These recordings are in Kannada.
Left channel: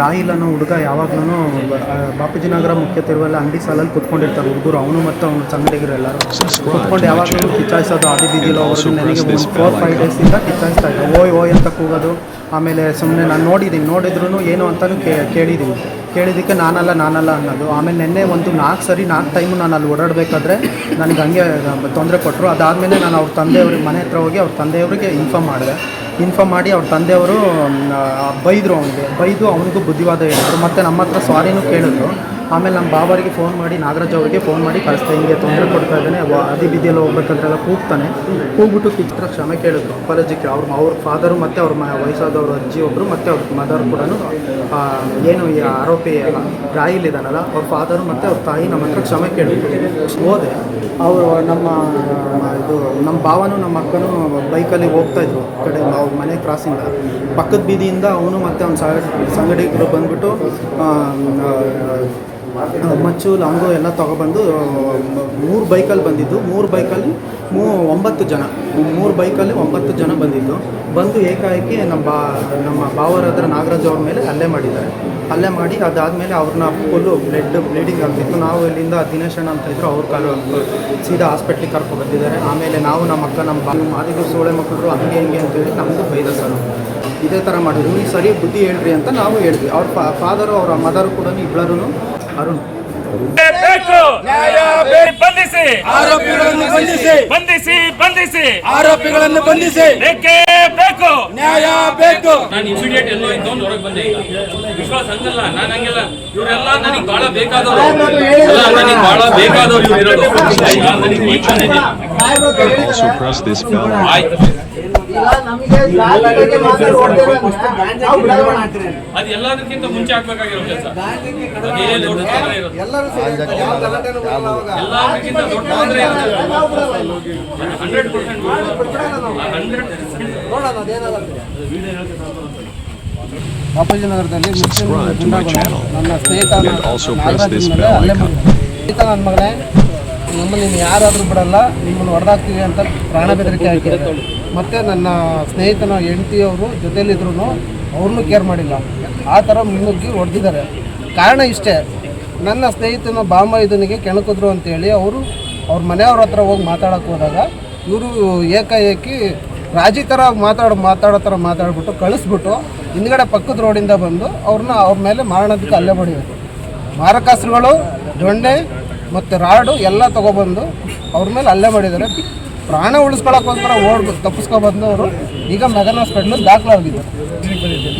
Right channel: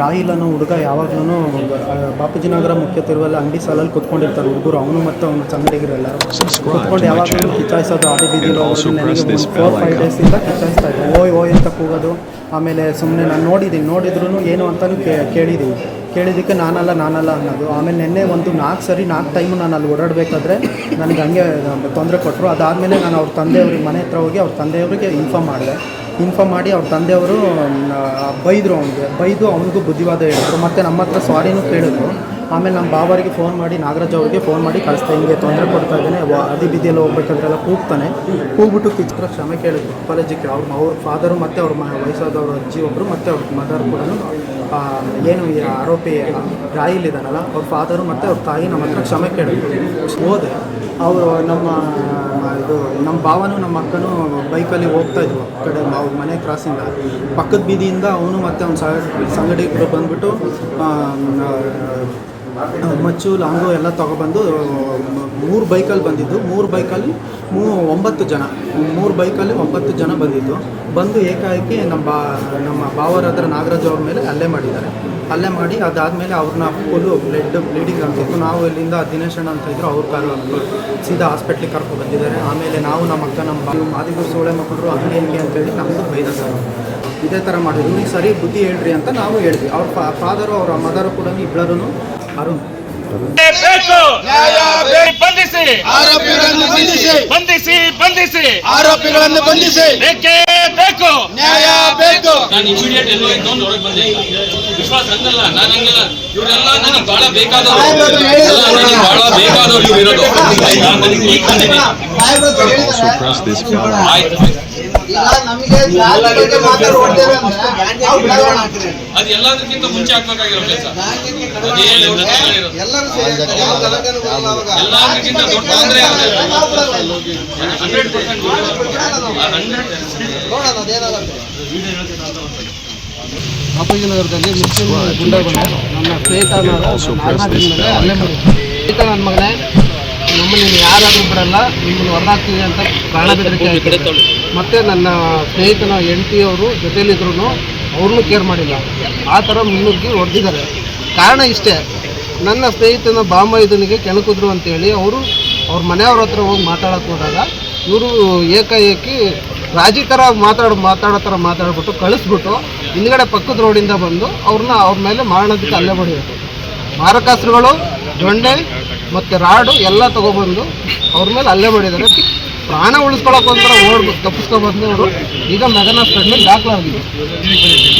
ರಾಹಿಲ್ ಅನ್ನೋ ಹುಡುಗ ಯಾವಾಗ್ಲೂ ಬಾಪೂಜಿ ನಗರ ಮುಖ್ಯ ತಿರುವಲ್ಲಿ ಅಂಗಡಿ ಸಾಲಲ್ಲಿ ಕುತ್ಕೊಂಡಿರ್ತಾರೆ ಹುಡುಗರು. ಅವನು ಮತ್ತು ಅವನ ಸಂಗಡಿಗರು ಎಲ್ಲರೂ. ಕುತ್ಕೊಂಡು ಯಾವಾಗಲೂ ಕಿಚ್ಚಾಯಿಸೋದು ಆದಿ ಬೀದಿಲೋ ನನಗೆ ಒಂದು ಫೋರ್ ಫೈವ್ ಡೇಸಿಂದ ಕಿಚ್ಚಾಯಿಸ್ತಾ ಇದ್ದೆ ಓಯ್ ಓಯ್ ಅಂತ ಕೂಗೋದು. ಆಮೇಲೆ ಸುಮ್ಮನೆ ನಾನು ನೋಡಿದ್ದೀನಿ. ನೋಡಿದ್ರು ಏನು ಅಂತಲೂ ಕೇ ಕೇಳಿದ್ದೀನಿ. ಕೇಳಿದ್ದಕ್ಕೆ ನಾನಲ್ಲ ನಾನಲ್ಲ ಅನ್ನೋದು. ಆಮೇಲೆ ನಿನ್ನೆ ಒಂದು ನಾಲ್ಕು ಸರಿ, ನಾಲ್ಕು ಟೈಮು ನಾನು ಅಲ್ಲಿ ಓಡಾಡಬೇಕಾದ್ರೆ ನನಗೆ ಹಂಗೆ ತೊಂದರೆ ಕೊಟ್ಟರು ಅದಾದಮೇಲೆ ನಾನು ಅವ್ರ ತಂದೆಯವ್ರಿಗೆ, ಮನೆ ಹತ್ರ ಹೋಗಿ ಅವ್ರ ತಂದೆಯವರಿಗೆ ಇನ್ಫಾರ್ಮ್ ಮಾಡಿದೆ. ಇನ್ಫಾರ್ಮ್ ಮಾಡಿ ಅವ್ರ ತಂದೆಯವರು ಬೈದರು ಅವನಿಗೆ. ಬೈದು ಅವನಿಗೂ ಬುದ್ಧಿವಾದ ಹೇಳಿದ್ರು. ಮತ್ತು ನಮ್ಮ ಹತ್ರ ಸಾರಿನೂ ಕೇಳಿದ್ರು. ಆಮೇಲೆ ನಮ್ಮ ಬಾವರಿಗೆ ಫೋನ್ ಮಾಡಿ, ನಾಗರಾಜ್ ಅವರಿಗೆ ಫೋನ್ ಮಾಡಿ ಕಳಿಸ್ತಾ ಹಿಂಗೆ ತೊಂದರೆ ಕೊಡ್ತಾ ಇದ್ದಾನೆ ಅದಿ ಬೀದಿಯಲ್ಲಿ ಹೋಗ್ಬೇಕಾದ್ರೆಲ್ಲ ಕೂಗ್ತಾನೆ. ಕೂಗ್ಬಿಟ್ಟು ಕಿಚ್ಚರ ಕ್ಷಮೆ ಕೇಳಿದ್ರು. ಅಪಾಲಜಿ ಕೇಳಿ ಅವ್ರ ಅವ್ರ ಫಾದರು ಮತ್ತು ಅವ್ರ ಮ, ವಯಸ್ಸಾದವ್ರ ಅಜ್ಜಿ ಒಬ್ಬರು ಮತ್ತು ಅವ್ರ ಮದರ್ ಕೂಡ ಏನು ಆರೋಪಿ ರಾಯಿಲ್ ಇದ್ದಾನಲ್ಲ ಅವ್ರ ಫಾದರು ಮತ್ತು ಅವ್ರ ತಾಯಿ ನಮ್ಮ ಹತ್ರ ಕ್ಷಮೆ ಕೇಳಿದ್ರು. ಹೋದೆ, ಅವರು ನಮ್ಮ ಇದು ನಮ್ಮ ಭಾವನೂ, ನಮ್ಮ ಅಕ್ಕನೂ ಬೈಕಲ್ಲಿ ಹೋಗ್ತಾ ಇದ್ವು ಆ ಕಡೆ ಅವ್ರ ಮನೆ ಕ್ರಾಸಿಂದ ಪಕ್ಕದ ಬೀದಿಯಿಂದ ಅವನು ಮತ್ತು ಅವ್ನ ಸಂಗಡಿಗರು ಬಂದ್ಬಿಟ್ಟು ಮಚ್ಚು, ಲಾಂಗು ಎಲ್ಲ ತೊಗೊಬಂದು ಮೂರು ಬೈಕಲ್ಲಿ ಬಂದಿದ್ದು. ಮೂರು ಬೈಕಲ್ಲಿ ಮೂ ಒಂಬತ್ತು ಜನ. ಮೂರು ಬೈಕಲ್ಲಿ ಒಂಬತ್ತು ಜನ ಬಂದಿದ್ದು. ಬಂದು ಏಕಾಏಕಿ ನಮ್ಮ ಬಾ ನಮ್ಮ ಬಾವರ ನಾಗರಾಜ್ ಅವ್ರ ಮೇಲೆ ಹಲ್ಲೆ ಮಾಡಿದ್ದಾರೆ. ಹಲ್ಲೆ ಮಾಡಿ ಅದಾದಮೇಲೆ ಅವ್ರನ್ನ ಫುಲ್ಲು ಬ್ಲಡ್ ಬ್ಲೀಡಿಂಗ್ ಆಗ್ತಿತ್ತು. ನಾವು ಇಲ್ಲಿಂದ ದಿನೇಶ್ ಅಣ್ಣ ಅಂತ ಇದ್ರು, ಅವ್ರು ಕಾರು ಸೀದಾ ಹಾಸ್ಪಿಟ್ಲಿಗೆ ಕರ್ಕೊ ಬಂದಿದ್ದಾರೆ. ಆಮೇಲೆ ನಾವು ನಮ್ಮ ಅಕ್ಕ, ನಮ್ಮ ಬಾ ಮಾದಿಗೂ ಸೋಳೆ ಮಕ್ಕಳು ಹಂಗೆ ಹಿಂಗೆ ಅಂತೇಳಿ ನಮಗೂ ಬೈದ ಸರ್. ಇದೇ ಥರ ಮಾಡಿದ್ರು. ಇವ್ರಿಗೆ ಸರಿ ಬುದ್ಧಿ ಹೇಳ್ರಿ ಅಂತ ನಾವು ಹೇಳಿದ್ವಿ. ಅವ್ರ ಫಾದರು ಅವರ ಮದರು ಕೂಡ ಇಬ್ಬರೂ ಅರುಣ್. ಬೇಕು. ಬಂಧಿಸಿ. ಆರೋಪಿಗಳನ್ನು ಬಂಧಿಸಿ. ಬಂಧಿಸಿ ಬಂಧಿಸಿ. ಆರೋಪಿಗಳನ್ನು ಬಂಧಿಸಿ. ಬೇಕೇ ಬೇಕು. ನ್ಯಾಯ ಬೇಕು. ನಾನು ಇಮಿಡಿಯೇಟ್ ಎಲ್ಲೋ ಇದ್ದೊಂದು ಹೊರಗೆ ಬಂದೆ. ವಿಶ್ವಾಸ ಹಂಗಲ್ಲ. ನಾನು ಹಂಗಿಲ್ಲ. ಇವರೆಲ್ಲ ನನಗೆ ಬಹಳ ಬೇಕಾದವರು. ನನಗೆ ಬಹಳ ಬೇಕಾದವರು ಇವರು ಇರೋದು. ಆಯ್ತು. ಅದು ಎಲ್ಲದಕ್ಕಿಂತ ಮುಂಚೆ ಆಗ್ಬೇಕಾಗಿರೋ ಕೆಲಸ. ಎಲ್ಲದಕ್ಕಿಂತ ದೊಡ್ಡ ತೊಂದರೆ ಹಂಡ್ರೆಡ್ ಪರ್ಸೆಂಟ್ ಹಂಡ್ರೆಡ್ ಬಾಪೂಜಿ ನಗರದಲ್ಲಿ ಮುಸ್ಲಿಂ ಗುಂಡಾಗಳು ನನ್ನ ಸ್ನೇಹಿತ And also press this bell icon. ಸ್ನೇಹಿತ ನನ್ನ ಮಗನೇ. ನಮ್ಮನ್ನು ನೀನು ಯಾರಾದರೂ ಬಿಡಲ್ಲ ನಿಮ್ಮನ್ನು ಹೊರದಾಕ್ತೀವಿ ಅಂತ ಪ್ರಾಣ ಬೆದರಿಕೆ ಮತ್ತು ನನ್ನ ಸ್ನೇಹಿತನ ಹೆಂಡತಿಯವರು ಜೊತೆಯಲ್ಲಿದ್ರು ಅವ್ರನ್ನೂ ಕೇರ್ ಮಾಡಿಲ್ಲ. ಆ ಥರ ಮುನ್ನುಗ್ಗಿ ಹೊಡೆದಿದ್ದಾರೆ. ಕಾರಣ ಇಷ್ಟೇ ನನ್ನ ಸ್ನೇಹಿತನ ಬಾಮೈದನಿಗೆ ಕೆಣಕಿದ್ರು ಅಂತೇಳಿ ಅವರು ಅವ್ರ ಮನೆಯವ್ರ ಹತ್ರ ಹೋಗಿ ಮಾತಾಡೋಕೆ ಹೋದಾಗ ಇವರು ಏಕಾಏಕಿ ರಾಜಿ ಥರ ಮಾತಾಡೋ ಮಾತಾಡೋ ಥರ ಮಾತಾಡ್ಬಿಟ್ಟು ಕಳಿಸ್ಬಿಟ್ಟು ಹಿಂದ್ಗಡೆ ಪಕ್ಕದ ರೋಡಿಂದ ಬಂದು ಅವ್ರನ್ನ ಅವ್ರ ಮೇಲೆ ಮಾರಣಕ್ಕೆ ಅಲ್ಲೇ ಮಾಡಿದ್ರು. ಮಾರಕಾಸ್ತ್ರಗಳು ದೊಣ್ಣೆ ಮತ್ತು ರಾಡು ಎಲ್ಲ ತೊಗೊಬಂದು ಅವ್ರ ಮೇಲೆ ಅಲ್ಲೇ ಮಾಡಿದ್ದಾರೆ. ಪ್ರಾಣ ಉಳಿಸ್ಕೊಳಕ್ಕೋಸ್ಕರ ಓಡ್ ಅವರು ಈಗ ಮಗನ ಹಾಸ್ಪಿಟ್ಲಿಗೆ ದಾಖಲಾಗಿದೆ.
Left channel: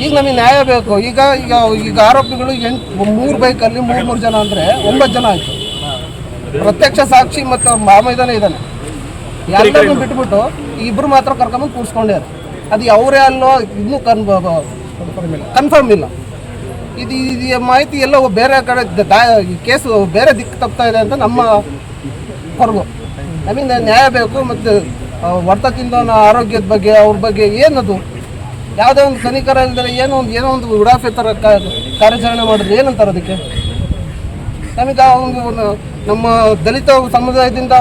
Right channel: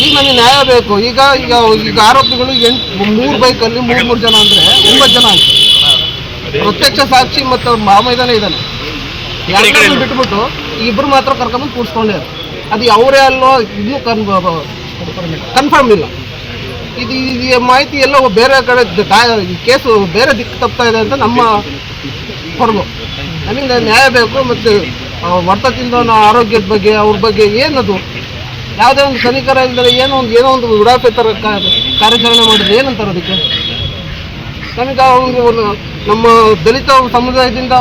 ಈಗ ನಮಗೆ ನ್ಯಾಯ ಬೇಕು. ಈಗ ಈಗ ಈಗ ಆರೋಪಿಗಳು ಎಂಟು ಮೂರು ಬೈಕಲ್ಲಿ ಮೂರು ಮೂರು ಜನ ಅಂದರೆ ಒಂಬತ್ತು ಜನ ಆಯ್ತು. ಪ್ರತ್ಯಕ್ಷ ಸಾಕ್ಷಿ ಮತ್ತು ಮಾಮೈದಾನ ಇದ್ದಾನೆ. ಯಾರು ಬಿಟ್ಬಿಟ್ಟು ಇಬ್ಬರು ಮಾತ್ರ ಕರ್ಕೊಂಡು ಕೂರಿಸ್ಕೊಂಡ್ಯಾರ ಅದು ಅವರೇ ಅಲ್ಲೋ ಇನ್ನೂ ಕನ್ ಕನ್ಫರ್ಮ್ ಇಲ್ಲ. ಇದು ಈ ಮಾಹಿತಿ ಎಲ್ಲ ಬೇರೆ ಕಡೆ ಕೇಸು ಬೇರೆ ದಿಕ್ಕು ತಪ್ತಾ ಇದೆ ಅಂತ ನಮ್ಮ ಹೊರಗು ಅಲ್ಲಿಂದ ನ್ಯಾಯ ಬೇಕು ಮತ್ತು ವರ್ತದಿಂದ ಆರೋಗ್ಯದ ಬಗ್ಗೆ, ಅವ್ರ ಬಗ್ಗೆ ಏನದು? ಯಾವುದೇ ಒಂದು ಕನಿಕರ ಇಲ್ಲದೆ ಏನೋ ಒಂದು ಏನೋ ಒಂದು ಉಡಾಫೆ ಥರ ಕಾರ್ಯಾಚರಣೆ ಮಾಡಿದ್ರೆ ಏನಂತಾರೆ ಅದಕ್ಕೆ? ನಮಗೆ ಅವರು ನಮ್ಮ ದಲಿತ ಸಮುದಾಯದಿಂದ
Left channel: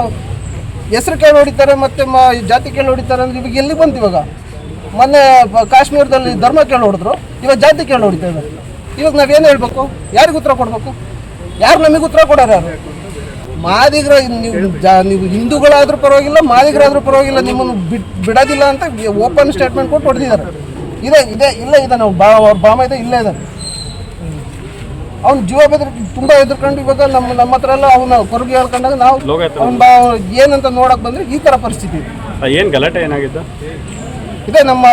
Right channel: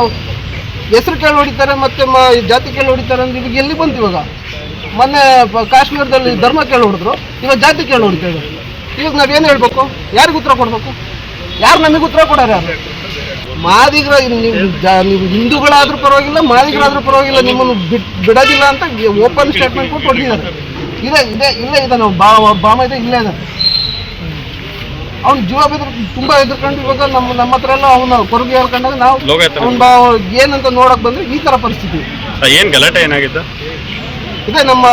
ಹೆಸರು ಕೇಳಿ ಹೊಡಿತಾರೆ ಮತ್ತು ಮ ಜಾತಿ ಕೇಳಿ ಹೊಡಿತಾರೆ ಅಂದ್ರೆ ಈಗ ಎಲ್ಲಿ ಬಂತು ಇವಾಗ? ಮೊನ್ನೆ ಕಾಶ್ಮೀರದಲ್ಲಿ ಧರ್ಮ ಕೇಳಿ ಹೊಡೆದ್ರು, ಇವಾಗ ಜಾತಿ ಕೇಳಿ ಹೊಡಿತಾರೆ ಇವಾಗ ನಾವೇನು ಹೇಳ್ಬೇಕು? ಯಾರಿಗೆ ಉತ್ತರ ಕೊಡಬೇಕು? ಯಾರು ನಮಗೆ ಉತ್ತರ ಕೊಡೋರು ಮಾದಿಗರ ನೀವು ನೀವು ಹಿಂದೂಗಳಾದ್ರೂ ಪರವಾಗಿಲ್ಲ ಮಾದಿಗರಾದ್ರೂ ಪರವಾಗಿಲ್ಲ ನಿಮ್ಮನ್ನು ಬಿಡೋದಿಲ್ಲ ಅಂತ ಓಪನ್ ಸ್ಟೇಟ್ಮೆಂಟ್ ಕೂಡ ಹೊಡೆದಿದ್ದಾರೆ. ಇದೆ ಇದೆ ಇಲ್ಲೇ ಇದೆ ನಾವು ಬಾ ಬಾಮ ಇದೆ ಇಲ್ಲೇ ಇದೆ. ಅವ್ನು ಜೀವ ಬೆದ್ರ ತುಂಬ ಎದುರ್ಕೊಂಡು ಇವಾಗ ನಮ್ಮ ನಮ್ಮ ಹತ್ರ ಎಲ್ಲ ಅವನ ಕೊರಗಿ ಹೇಳ್ಕೊಂಡಾಗ ನಾವು ಅವ್ನ ಏನಂತ ನೋಡಕ್ ಬಂದ್ರೆ ಈ ತರ ಪರಿಸ್ಥಿತಿ. ಏನು ಗಲಾಟೆ ಏನಾಗಿದ್ದ ಇದೆ ನಮ್ಮ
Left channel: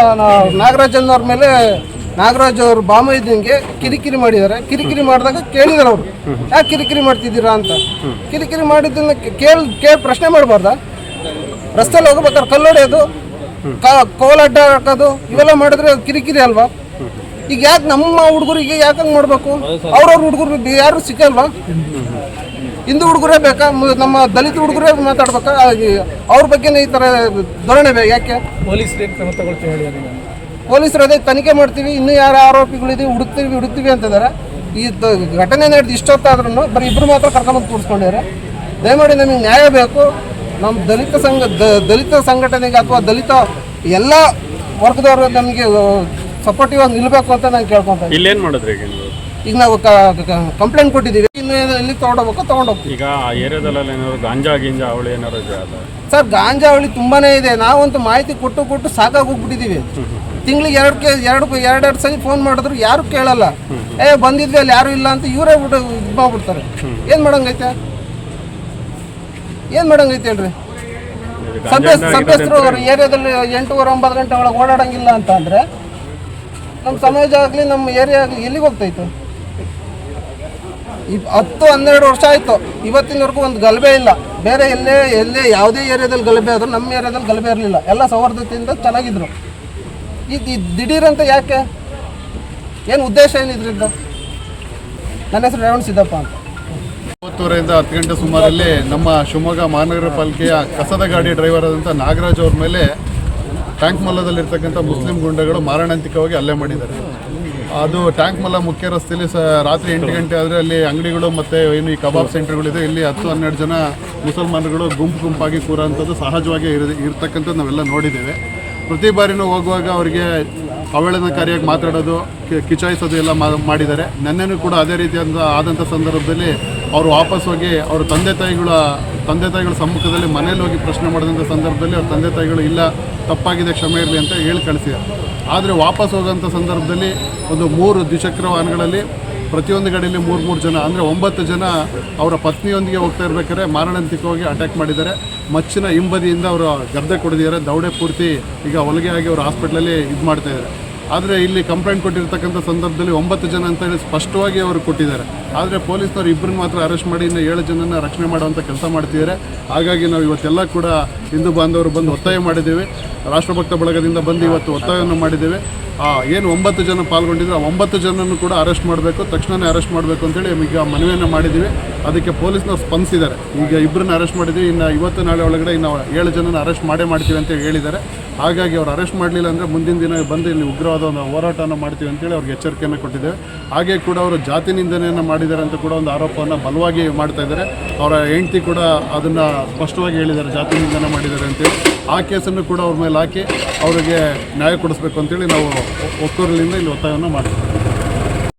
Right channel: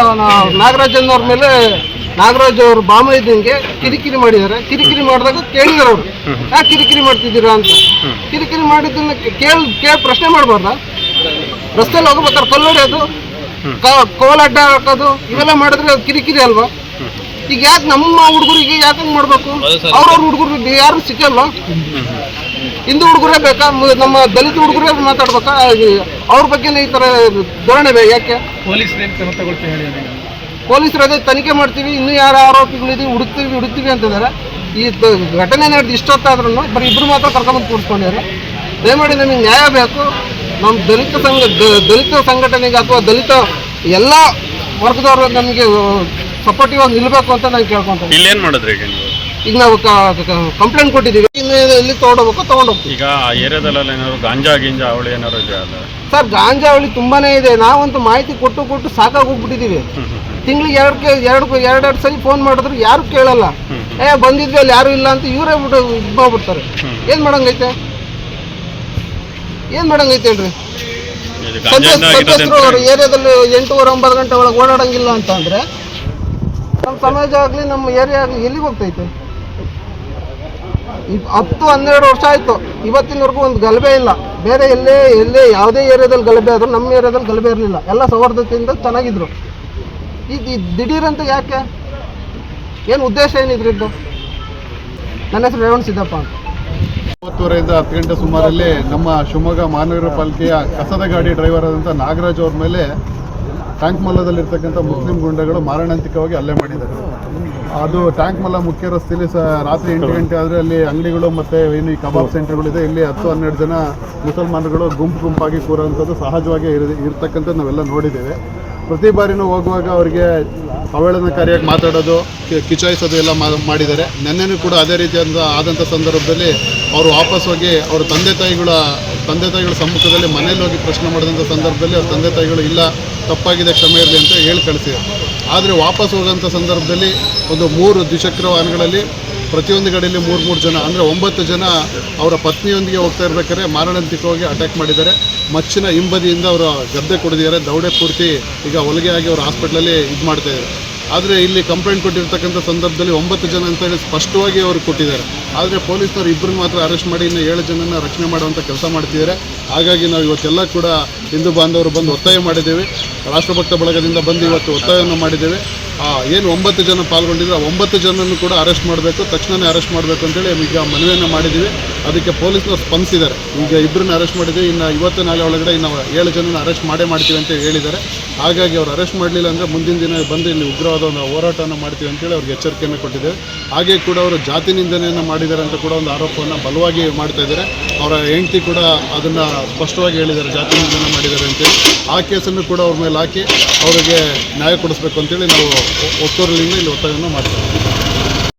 ನಾಗರಾಜನ್ ಅವ್ರ ಮೇಲೆ ನಾಗರಾಜ್ ಅವರು ಬಾಮೈದಂಗೆ ಕಿರಿಕಿರಿ ಮಾಡಿದ್ದಾರೆ. ಕಿರಿಕಿರಿ ಮಾಡಿದಾಗ ಕೇಳಿದಾರೆ ಅವರು. ಯಾಕೆ ಕಿರಿಕಿರಿ ಮಾಡ್ತಿದ್ದೀರಾ ಅಂತ. ಕಿರಿಕಿರಿ ಮಾಡಿದ್ದನ್ನು ಕೇಳಿ ಕೇಳಿ ಪ್ರಶ್ನೆ ಮಾಡಬಾರ್ದ? ರಸ್ತೆಯಲ್ಲಿ ಹೋಗ್ಬೇಕಾದ್ರೆ ಕಲ್ಲೊಡೆಯೋದು ಕೋಲಾಟ ಹಾಕೋದು, ಇವೆಲ್ಲ ಮಾಡಿದ್ರೆ ಅದು ಕಿರಿಕಿರಿ ಅಲ್ವಾ? ಈಗ ಯಾಕೆ ನಮ್ಮ ಹುಡುಗರಿಗೆ ಯಾಕಂಗೆ ಮಾಡಬೇಕು? ಅವ್ರವ್ರ ಹುಡುಗರಿಗೆ ಯಾರು ಸಿಕ್ಕಲ್ವಾ? ಹಿಂದೂ ಹುಡುಗರೇ ಬೇಕಾ? ನಮ್ಮ ದಲಿತ ಹುಡುಗರೇ ಮಾತಾಡ್ಬೇಕಾ? ಅವ್ರ ಬಗ್ಗೆನೇ ಈ ಥರ ಧೋರಣೆ ಬೇಕು ಯಾಕೆ? ಪೊಲೀಸರು ಅದೇ ತನಿಖೆ ಮಾಡ್ತೀವಿ ಇನ್ನೂ ಯಾರು ಆರೋಪಿಗಳಿದ್ದೀವಿ ಹುಡುಕ್ತೀವಿ ಹುಡುಕ್ತೀವಿ ಅಂತಿದ್ದಾರೆ. ಈ ಘಟನೆ ನಡೆದು ಇಷ್ಟೊತ್ತಾದ್ರೂ ಬರೀ ಇಬ್ಬರು ಮಾತ್ರ ಕರ್ಕೊಂಡು ಕೂರಿಸ್ಕೊಂಡಿದ್ದಾರೆ. ದಯಮಾಡಿ ನಮಗೆ ನ್ಯಾಯ ಬೇಕು. ನಮ್ಮ ದಲಿತ ಸಂಘ ದಲಿತ ಸಂಘಟನೆಗೆ ಅಥವಾ ದಲಿತ ಎಲ್ಲ ವರ್ಗದವರು ನಮಗೆ ಸಪೋರ್ಟಿವ್ ಆಗಿ ನಿಲ್ಲಬೇಕು ಅಂತ ನಾನು ಕೇಳ್ಕೊಂತೀನಿ ಇಲ್ಲೇನು ಮಾಡಿದ್ರಿ ಈಗ ನೀವು? ಈಗ ನಾವು ಕಂಪ್ಲೇಂಟ್ ಕೊಟ್ಟಿದ್ದೀವಿ. ಇನ್ನು ಎಲ್ಲಿ ತೊಗೊಂಡೋಗ್ಬೇಕು ತೊಗೊಂಡೋಗ್ತೀವಿ. ಈಗ ಆ ಏರಿಯಾದಲ್ಲೆಲ್ಲ ಏನಾದ್ರು ಗಾಂಜಾ ಗಿಂಜಾ ಅವಳಿ ಏನಾದ್ರು ಇದೆಯಾ ಸರ್ ಗಾಂಜಾ ಅವಳಿ ತುಂಬಾನೇ ಇದೆ. ನಾವಂತೂ ಮಾಹಿತಿ ಕೊಟ್ಟು ಕೊಟ್ಟು ಸಾಕಾಗಿ ಹೋಗ್ಬಿಟ್ಟಿದ್ದೀವಿ. ತಿಂಗಳಿಗೆ ಎರಡು ಕೆ ಎರಡು ಎರಡೆರಡು ಸರಿ ಫೋನ್ ಮಾಡಿದ್ರು ಯಾರು ಕೇಳಲ್ಲ. ಏ ಬಂದಿದ್ವಿ ಅಲ್ಲಿ ಯಾರು ಇಲ್ಲ ಅಂತ ಇವರೇ ಬಿಟ್ಟು ಇದು ಮಾಡ್ಬಿಡ್ತಾರೆ ಏನು ಮಾಡಂಗೈತೆ? ಏನು ಮಾಡಂಗೈತೆ ಹೇಳ್ರಿ? ಏರಿಯಾದಲ್ಲಿ ಎಂಟೂವರೆ ಒಂಬತ್ತು ಗಂಟೆ ಒಳಗೆ ಓಡಾಡಂಗಿಲ್ಲ ಅಂತ ಅಂದರೆ ನಮ್ಮ ಸಮಾಜ ಆಗಲಿ ನಮ್ಮ ಏರಿಯಾ ಆಗಲಿ ಎಲ್ಲಿಗೆ ಹೋಗ್ತೈತೆ? ಹತ್ತು ಹನ್ನೆರಡು ವರ್ಷ ಆಯಿತು. ಇವತ್ತಿನವರೆಗೂ ಒಂದು ಗಲಭೆ ಇಲ್ಲ. ಬೇರೆ ಎಲ್ಲೇ ಎಲ್ಲೇ ಯಾವುದೇ ಏರಿಯಾದಲ್ಲಿ ಗಲಭೆ ಆದರೂ ನಮ್ಮ ಏರಿಯಾದಲ್ಲಿ ಗಲಭೆ ಇರಲಿಲ್ಲ. ಎಲ್ಲ ಸೌಹಾರ್ದತೆಯಿಂದ ಚೆನ್ನಾಗಿದ್ರು. ಇದು ದಿಢೀರಂತ ಯಾಕೆ? ಏನು ಉದ್ದೇಶ ಏನಿದ್ರದ್ದು ನನ್ನ ಹೆಸರು ರೇವಣ್ ಸಿದ್ದಪ್ಪ ಅಂತ. ಒಂಬತ್ತುವರೆಯಿಂದ ಹತ್ತು ಗಂಟೆ ಸುಮಾರಲ್ಲಿ ನಮ್ಮ ಶಿವಮೊಗ್ಗ ಮಹಾನಗರ ಪಾಲಿಕೆಯ ಕಸದ ಗಾಡಿ ಡ್ರೈವರ್ ಆದಂಥ ನಾಗರಾಜ್ ಅವ್ರ ಮೇಲೆ ಟ್ಯಾಂಕ್ ಮಲ್ಲದಲ್ಲಿರ್ತಕ್ಕಂಥ ಮುಸ್ಲಿಂ ಗುಂಡಗಳು ಮಾರಣಾಂತಿಕವಾಗಿ ಹಲ್ಲೆ ಮಾಡಿದ್ದಾರೆ. ಅದು ಟ್ಯಾಂಕ್ ಮಲ್ಲ ಮುಖ್ಯ ರಸ್ತೆಯಲ್ಲಿ ಸಹ ರಾತ್ರಿ ಎಂಟು ಗಂಟೆ ಆದರೆ ಅಲ್ಲಿ ಅಂಗಡಿಗಳು ಮತ್ತು ಏನು ಈ ಕಬಾಬ್ ಸೆಂಟರ್ಗಳಿದೆ, ಇಲ್ಲಿ ಹತ್ತು ಹನ್ನೆರಡು ಜನ ಮುಸಲ್ಮಾನರುಗಳು ಗುಂಪು ಗುಂಪಾಗಿ ಕೂರೋಂಥದ್ದು ಸಹಜವಾಗಿ ಇರ್ ಇರ್ತಕ್ಕಂಥದ್ದು ನಾವೆಲ್ಲ ನೋಡಿದ್ದೇವೆ. ಪ್ರತಿ ಬಾರಿನೂ ಹೋಗುವಾಗ ಅವರಿಗೆ ಅವಹೇಳನಕಾರಿಯಾಗಿ ಮಾತಾಡೋದು ಕಿಚಾಯಿಸೋದು ಎಲ್ಲ ಮಾಡಿದ್ದಾರೆ. ನೆನ್ನೆನೂ ಕೂಡ ಅದೇ ರೀತಿಯಾದ ಆದಂಥ ಸಂದರ್ಭದಲ್ಲಿ ಅವರು ವಾಪಸ್ ಹೋಗಿ ಅವ್ರ ತಂದೆ ತಾಯಿಗಳ ತಂದೆ ತಾಯಿಗಳ ಸಮ್ಮುಖದಲ್ಲಿ ಮನೇಲಿ ಹೋಗಿ ಪ್ರಶ್ನೆ ಮಾಡಿದಂಥ ಸಂದರ್ಭದಲ್ಲಿ ಅವ್ರ ತಂದೆ ತಾಯಿಗಳು, ಇಲ್ಲ, ತಪ್ಪಾಗಿದೆ, ಕ್ಷಮೆ ಇರಲಿ ಅಂತ ಹೇಳಿ ಕಳಿಸಿದ್ದಾರೆ ಆದರೆ ವಾಪಸ್ ಹೋಗೋಂಥ ಸಂದರ್ಭದಲ್ಲಿ ಒಂದು ಮೂರು ದ್ವಿಚಕ್ರ ವಾಹನಗಳಲ್ಲಿ ಪ್ರತಿಯೊಂದು ಕಡೆಯಲ್ಲಿ ಮೂರು ಮೂರು ಜನ, ಅಂದರೆ ಒಂಬತ್ತು ಜನ ಅವರ ಪತ್ನಿಯೊಂದಿಗೆ ಹೋಗ್ತಾ ಇರ್ಬೇಕಾದ್ರೆ ಮಾರಣಾಂತಿಕವಾಗಿ ಅಟ್ಯಾಕ್ ಮಾಡಿದ್ದಾರೆ. ಮಚ್ಚಿನ ಹಿಂಬದಿಯಿಂದ ಅವರ ಗದ್ದೆ ಕೊಡಿದ್ದಾರೆ ದೌಡೆ ಪೂರ್ತಿ ಈಗ ಹೊಲಿಗೆ ಆಗಿ ಅವರು ಹಾಸ್ಪಿಟ್ಲಲ್ಲಿ ಇದು ಮಾಡ್ತಾ ಇದ್ದಾರೆ. ಆದರೆ ಇಲ್ಲಿ ಕಂಪ್ಲೇಂಟ್ ಕೊಟ್ಟಿರ್ತಕ್ಕಂಥ ಸಂದರ್ಭದಲ್ಲಿ ಒಂಬತ್ತು ಜನ ಅಂತ ಹೇಳಿ ಸ್ಪಷ್ಟವಾಗಿ ಅವರು ಕೊಟ್ಟಿದ್ದಾರೆ. ಆದರೆ ಪೊಲೀಸರು ಇಬ್ಬರು ಮಾತ್ರ ಅರೆಸ್ಟ್ ಮಾಡಿ ಇನ್ನು ಏಳು ಜನನ ರಕ್ಷಣೆ ಮಾಡುವಂಥ ಕೆಲಸ ಮಾಡ್ತಿದ್ದಾರೆ. ಹಾಗಾಗಿ ನಾವು ಇವತ್ತೆಲ್ಲ ಕೂಡ ಹಿಂದೂ ಬಾಂಧವರು ಬಂದು ಒತ್ತಾಯ ಮಾಡಿದ್ದೇವೆ. ರಾಷ್ಟ್ರಭಕ್ತ ಬಳಗದಿಂದ ಬಂದು ಇವತ್ತು ಒತ್ತಾಯವನ್ನು ಮಾಡಿದ್ದೇವೆ. ಏನು ಒಂಬತ್ತು ಜನ ಪಾಲ್ಗೊಂಡಿದ್ರು ಆ ಒಂಬತ್ತು ಜನನ್ನು ಕೂಡ ಅರೆಸ್ಟ್ ಮಾಡಬೇಕು ತಕ್ಷಣವೇ ಅರೆಸ್ಟ್ ಮಾಡಬೇಕು ಅಂತೇಳಿ ಈಗ ಮನವಿಯನ್ನು ಮಾಡಿದ್ದೀವಿ. ಅದಕ್ಕೆ ಪೊಲೀಸ್ನವ್ರು ಸ್ಪಂದಿಸಿದ್ದಾರೆ. ಈಗ ಇಬ್ಬರನ್ನ ಅರೆಸ್ಟ್ ಮಾಡಿದ್ದೀವಿ. ಇನ್ನು ಇವತ್ತು ನಾಳೆ ಒಳಗಡೆ ಇನ್ನು ಏಳು ಜನನ ಅರೆಸ್ಟ್ ಮಾಡೇ ಮಾಡ್ತೀವಿ ಅಂತ ಹೇಳಿದ್ದಾರೆ. ಹಾಗಾಗಿ ಅವ್ರು ಅರೆಸ್ಟ್ ಮಾಡಲಿಲ್ಲ ಅಂದರೆ ಮುಂದಿನ ದಿನ ಬಂದು ಇಲ್ಲಿ ಉಗ್ರವಾದ ಒಂದು ಹೋರಾಟವನ್ನು ಮಾಡ್ತೀವಿ ಅಂತೇಳಿ ಅವ್ರಿಗೆ ಎಚ್ಚರಿಕೆಯನ್ನು ಕೊಟ್ಟಿದ್ದೇವೆ. ಹಾಗೆ ಕೂಡ ಅವರು ಜಾತಿ ನಿಂದನೆಯನ್ನು ಮಾಡಿದ್ದಾರೆ ಅಂತ ಕೂಡ ಒಂದು ಆರೋಪವನ್ನು ಬಲವಾಗಿ ಮಾಡ್ತಾ ಇದ್ದಾರೆ. ಅವರ ಹೆಂಡತಿ ಕೂಡ ಅದನ್ನು ಸ್ಪಷ್ಟವಾಗಿ ಹೇಳಿದ್ದಾರೆ, ಜಾತಿ ನಿಂದನೆ ಮಾಡಿದ್ದಾರೆ ಅಂತೇಳಿ. ಆ ಕೇಸನ್ನು ಕೂಡ ಅವ್ರ ಮೇಲೆ ಹಾಕಿ ಅವರಿಗೆ ನ್ಯಾಯ ಕೊಡಿಸ್ಬೇಕು ಅಂತೇಳಿ ನಾವು ಒ- ಒತ್ತೂರಿನಿಂದ ಇಲ್ಲಿ ಒತ್ತಾಯವನ್ನು ಮಾಡ್ತೀವಿ.